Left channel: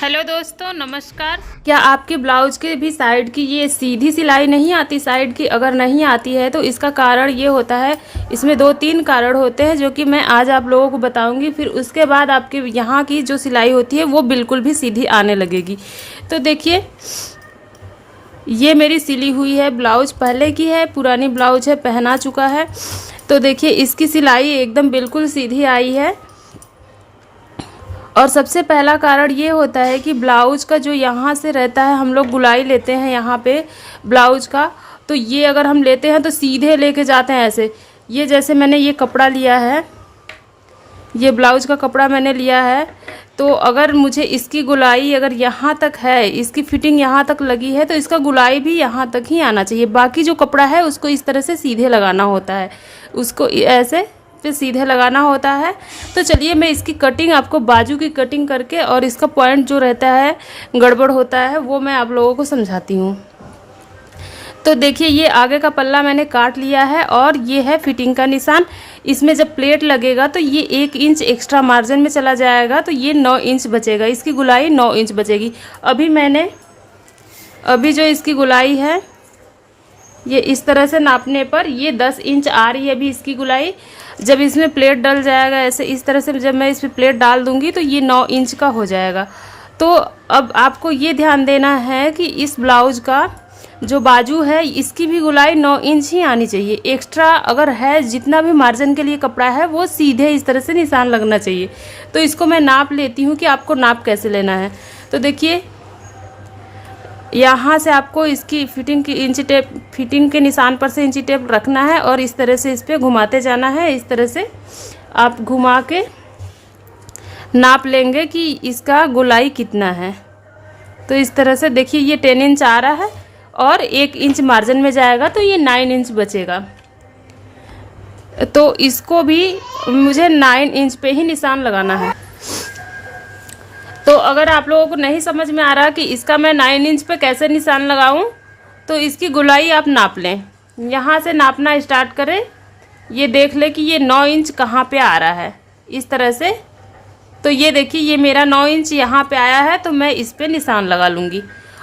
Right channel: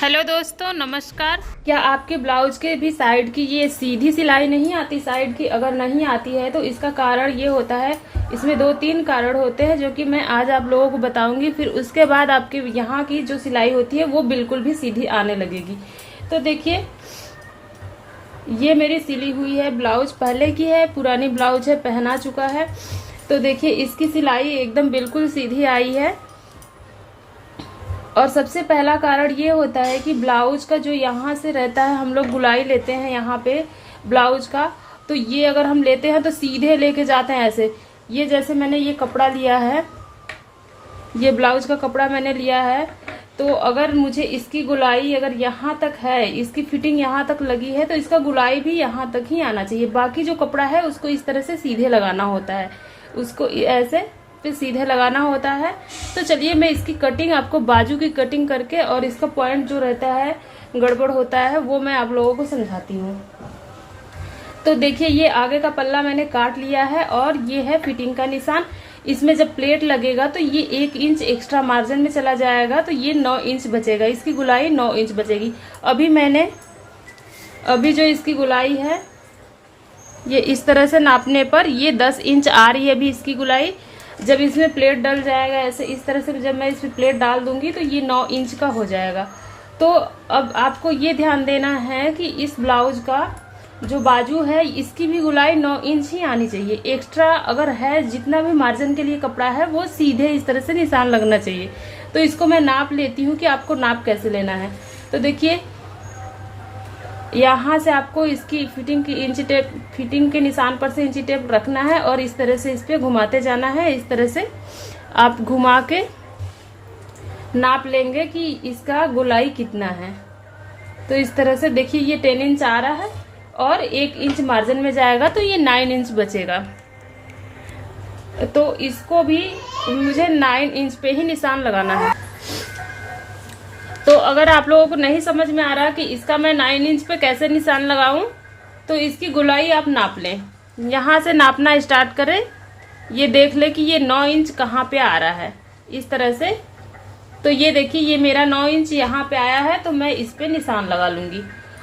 Hello दोस्तों, नमस्कार। क्या आपके ब्लाउज के भी साइड की ये सीधी सिलाई नहीं आती? साइड की अगर नहीं आती है तो इसका कारण ये होता है, इसमें 2-3 कारण होते हैं जो कि मैं आज आप लोगों को बताऊंगी। फिर उसके बाद आपके यहाँ की जो सिलाई होती है वो बिल्कुल भी सीधी आने लगेगी। तो देखिए, ये मेरी सिली हुई है ब्लाउज, पहले की है, पुरानी ब्लाउज है, पहना चुका है। तो देखिए, इसकी सिलाई एकदम बिल्कुल सीधी आई है। और सबसे पहला कारण ये होता है कि ब्लाउज का जो यहाँ से रहता है, हम लोग गुलाई लेते हैं यहाँ पे ब्लाउज का, तो ये अगर हम लेते हैं तो सीधे लेके जाते हैं ऐसे। ये जैसे मैंने ये कपड़ा लिया है, ये ब्लाउज का कपड़ा मैंने लिया है, तो अगर मुझे इसकी गुलाई अगर यहाँ तक है, इसकी फिटिंग यहाँ तक लगी है, तो इसका गुलाई भी यहाँ तक ही आना चाहिए। बाकी जो कपड़ा है उसको इस तरह से सीधे लगाना होता है, उसको ऐसे पे सीधे लगाना होता है। तो चलिए, मैं इसकी कटिंग आपको बाजू की कटिंग करके और इसका पॉइंट जो रहता है गड़बड़ होता है वो मैं आप लोगों को समझाती हूँ। तो देखिए, ये आगे का पल्ला मैंने काट लिया है और ये है फिटिंग का निशान। इसमें जब प्लेट लगेगा तो ये 1 इंच एक्स्ट्रा मार्जिन में चला जाएगा, तो ये 9 इंच बचेगा, इसकी गुलाई 9 इंच बचेगी। अभी जो इसकी गुलाई है, ये इस तरह से नापने पर ये 10 इंच आ रही है अभी इसकी गुलाई। जब इसमें प्लेट डल जाएगा ऐसे, इस तरह से जब मैं इसमें प्लेट डाल दूंगी तो ये 9 इंच का हो जाएगा। तो अब आपको ये ध्यान देना है कि इस ब्लाउज का जो बाजू है इसकी भी गुलाई 9 इंच ही आनी चाहिए। एक्स्ट्रा अगर है, जितना भी मार्जिन के लिए कपड़ा है वो सीधे इस तरह से निशान लगना चाहिए। तो इसको मैं नाप लेती हूँ कि आपको नाप कैसे लेना है। तो देखिए, यहाँ से आपको इसकी फिटिंग की इंची टेप, फिटिंग के निशान पर से इंची टेप रखना है और इस तरह से इस पर घुमाते जाना है। इस तरह से आप घुमा के नाप लेंगे कि इसका गुलाई कितना है। तो इस तरह से देखिए, ये 10 इंच आ रहा है और 1 इंच मार्जिन में जाएगा तो ये 9 इंच बचेगा। तो इसको भी मुझे 9 इंच पे ही निशान लगाना है। तो अगर आप लोगों को नहीं समझ में आ रहा कि इसका मैं 9 इंच पे कैसे निशान लगाऊं, तो इसकी गुलाई आप नाप लें। यहाँ से नापना स्टार्ट करें, ये देख ले कि ये 9 इंच कहाँ पे आ रहा है, इस तरह से। तो ये देखिए, ये मेरा 9 इंच यहाँ पे आया है, तो मैं इस पे निशान लगा लूँगी।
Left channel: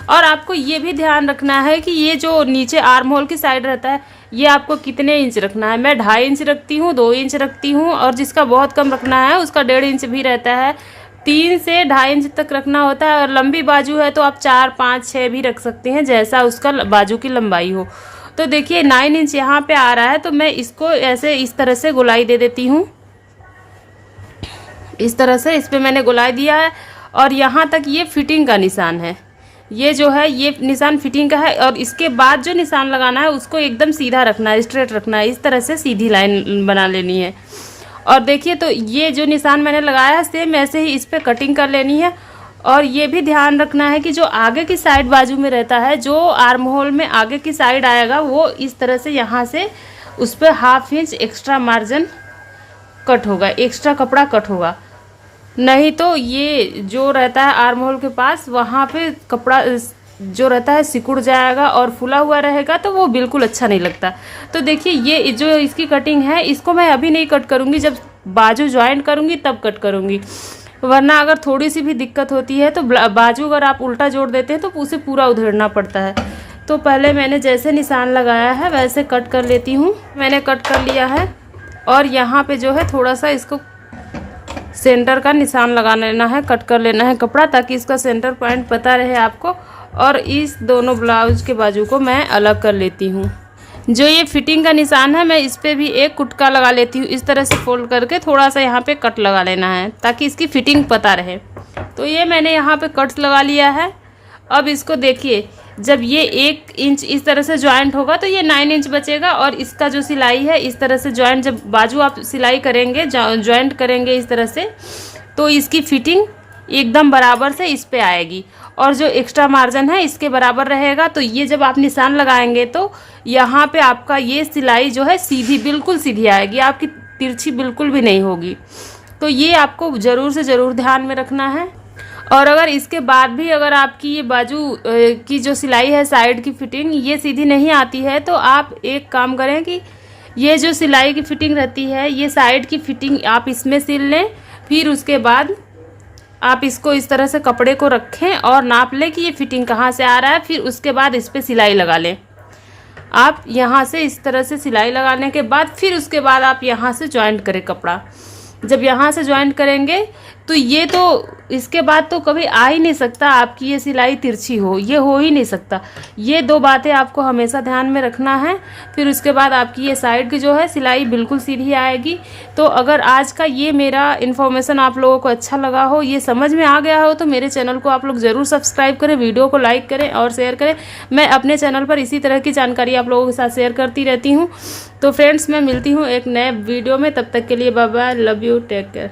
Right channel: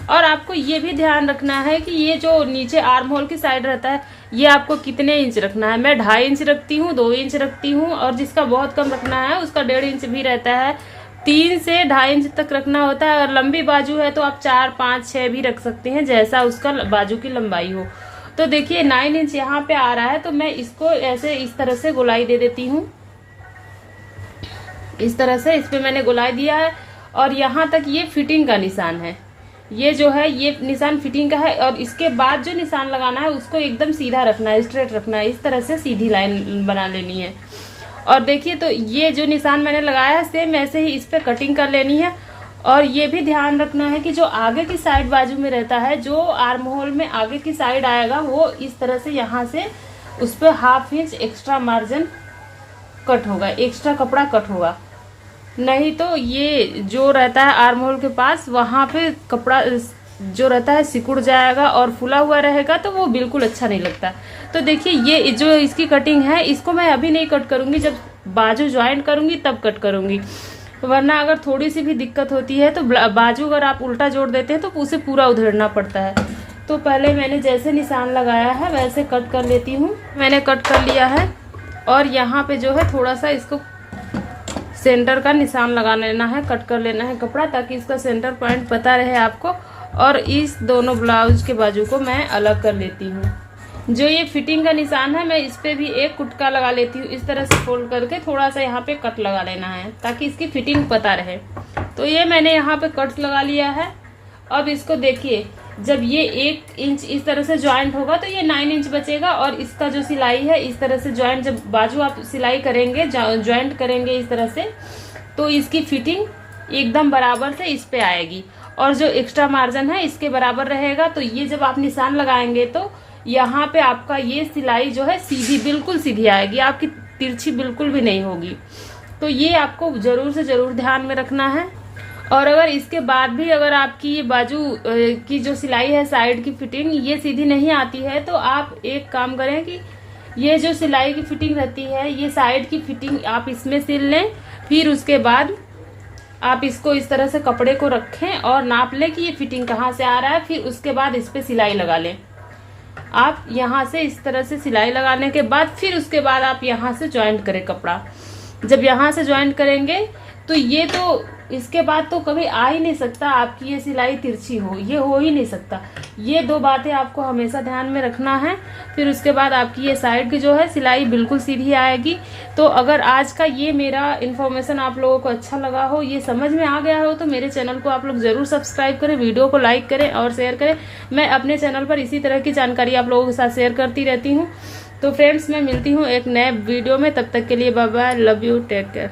और आपको ये भी ध्यान रखना है कि ये जो नीचे आर्म होल की साइड रहता है, ये आपको कितने इंच रखना है। मैं 2.5 इंच रखती हूँ, 2 इंच रखती हूँ, और जिसका बहुत कम रखना है उसका 1.5 इंच भी रहता है। 3 से 2.5 इंच तक रखना होता है। और लंबी बाजू है तो आप 4, 5, 6 भी रख सकते हैं, जैसा उसका बाजू की लंबाई हो। तो देखिए, 9 इंच यहाँ पे आ रहा है, तो मैं इसको ऐसे इस तरह से गुलाई दे देती हूँ। इस तरह से इस पे मैंने गुलाई दिया है। और यहाँ तक ये फिटिंग का निशान है, ये जो है ये निशान फिटिंग का है। और इसके बाद जो निशान लगाना है उसको एकदम सीधा रखना है, स्ट्रेट रखना है, इस तरह से सीधी लाइन बना लेनी है। और देखिए, तो ये जो निशान मैंने लगाया है सेम ऐसे ही इस पे कटिंग कर लेनी है। और ये भी ध्यान रखना है कि जो आगे की साइड बाजू में रहता है, जो आर्म होल में आगे की साइड आएगा, वो इस तरह से यहाँ से उस पर 1/2 इंच एक्स्ट्रा मार्जिन कट होगा, एक्स्ट्रा कपड़ा कट होगा। नहीं तो ये जो रहता है आर्म होल के पास, वहाँ पे कपड़ा जो रहता है सिकुड़ जाएगा और फुला हुआ रहेगा, तो वो बिल्कुल अच्छा नहीं लगता। तो देखिए, ये जो इसकी कटिंग है, इसको मैं अभी नहीं कट करूँगी, जब बाजू ज्वाइंट करूँगी तब कट करूँगी। वरना अगर थोड़ी सी भी दिक्कत होती है तो बाजू अगर आप उल्टा जोड़ देते हैं तो उसे पूरा उधेड़ना पड़ता है। तो पहले मैंने जैसे निशान लगाया है वैसे कट कर लेती हूँ। मैंने कट कर लिया है और यहाँ पे जो है थोड़ा सा इसको सेंटर का निशान लगा लेना है, कट कर लेना है कपड़ा, ताकि इसका सेंटर पॉइंट पता रहे आपको। और इस दोनों ब्लाउज के बाजू को मैं अलग कर लेती हूँ। जो ये फिटिंग का निशान है, मैं इस पे भी एक कुटका लगा लेती हूँ। इस तरह से फोल्ड करके थोड़ा सा यहाँ पे कट लगा लेना है, ताकि इसकी फिटिंग पता रहे। तो ये मैंने यहाँ पे कट्स लगा लिया है। अब इसको देखिए, जब ये 1 इंच इस तरह से ज्वाइंट होगा तो ये 9 इंच बचेगा। और इसका जो सिलाई है, इस तरह से ज्वाइंट, जब बाजू आप सिलाई करेंगे, ज्वाइंट करेंगे इस तरह से, तो इसकी फिटिंग एकदम बराबर से इस पे आएगी। और जो एक्स्ट्रा मार्जिन है इसके बराबर रहेगा। तो ये जब आप निशान लगाएंगे तो यहाँ पे आपका ये सिलाई जो है सीधी, बिल्कुल सीधी आएगी, आपकी तिरछी बिल्कुल भी नहीं होगी। तो ये आपको ज़रूर से ज़रूर ध्यान में रखना है। और अगर इसके बाद भी अगर आपकी ये बाजू की जो सिलाई है, साइड की फिटिंग ये सीधी नहीं आती है, तो आप एक काम करें कि ये जो सिलाई की फिटिंग रहती है, ये साइड की फिटिंग आप इसमें सिल लें। फिर उसके बाद आप इसको इस तरह से कपड़े को रखें और नाप लें कि ये फिटिंग कहाँ से आ रहा है। फिर उसके बाद इस पर सिलाई लगा लें। आप यहाँ से इस तरह से सिलाई लगाने के बाद फिर उसके बाद आप यहाँ से जॉइंट करें कपड़ा। जब यहाँ से जॉइंट करेंगे तो ये तो इसके बाद तो कभी आ ही नहीं सकता आपकी ये सिलाई तिरछी हो, ये हो ही नहीं सकता। ये दो बातें आपको हमेशा ध्यान में रखना है। फिर उसके बाद आपकी ये साइड की जो है सिलाई बिल्कुल सीधी आएगी। तो अगर आज का ये मेरा इन्फॉर्मेशन आप लोगों को अच्छा लगा हो, ये समझ में आ गया हो, तो मेरे चैनल को आप लोग ज़रूर सब्सक्राइब करें, वीडियो को लाइक करें और शेयर करें। मैं अपने चैनल पर इसी तरह की जानकारी आप लोगों के साथ शेयर करती रहती हूँ। तो फ्रेंड्स, मैं मिलती हूँ एक नए वीडियो में। तब तक के लिए bye bye, love you, take care.